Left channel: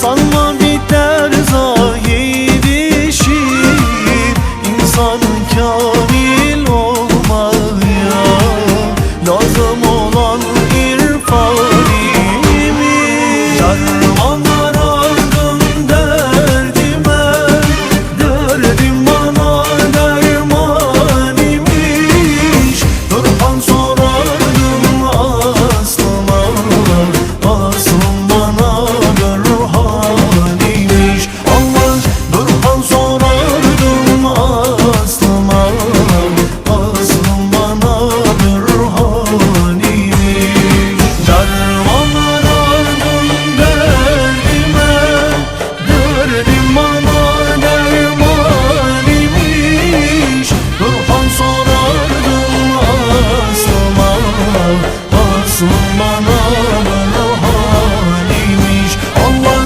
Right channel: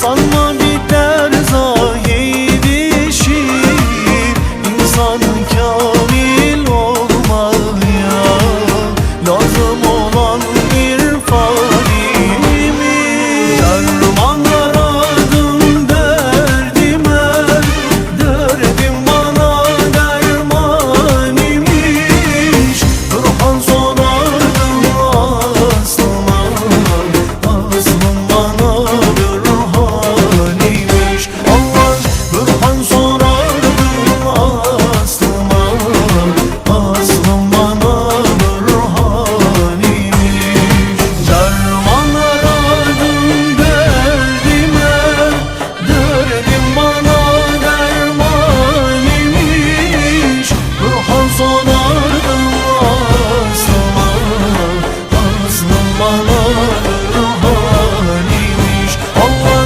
Sanma biter zayi bir şiir İnsan kamil Oh.